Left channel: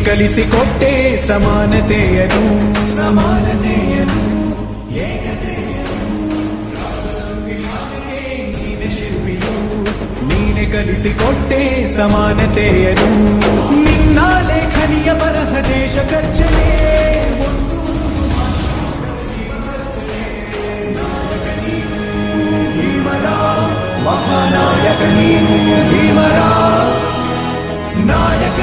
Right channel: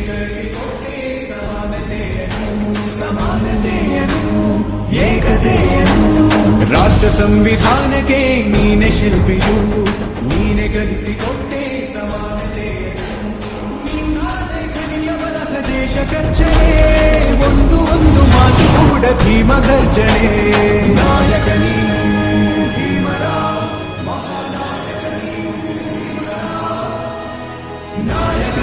ಕಲಿಸಿಕೊಟ್ಟೆ ಸಮಾನತೆಯನು ಏಕತೆಯನು ರಾಷ್ಟ್ರ ಸಂವಿಧಾನಕ್ಕೆ ನೀನೆ ಶಿಲ್ಪಿಯು ನೀನೆ ಕಲಿಸಿಕೊಟ್ಟೆ ಸಮಾನತೆಯನು ನಿನ್ನ ಲೇಖನಿಯ ಬರಹ ದೇಶ ಕರ್ಚನೆ ಒಂದು ಮಾತು ಕೂಡ ಭೀಮ ಗರ್ಜನೆ ನಾಯಕ ನೀನು ಭೀಮರ ಮಹಾನಾಯಕ ನೀನು ಭೀಮರ ನಾಯಕ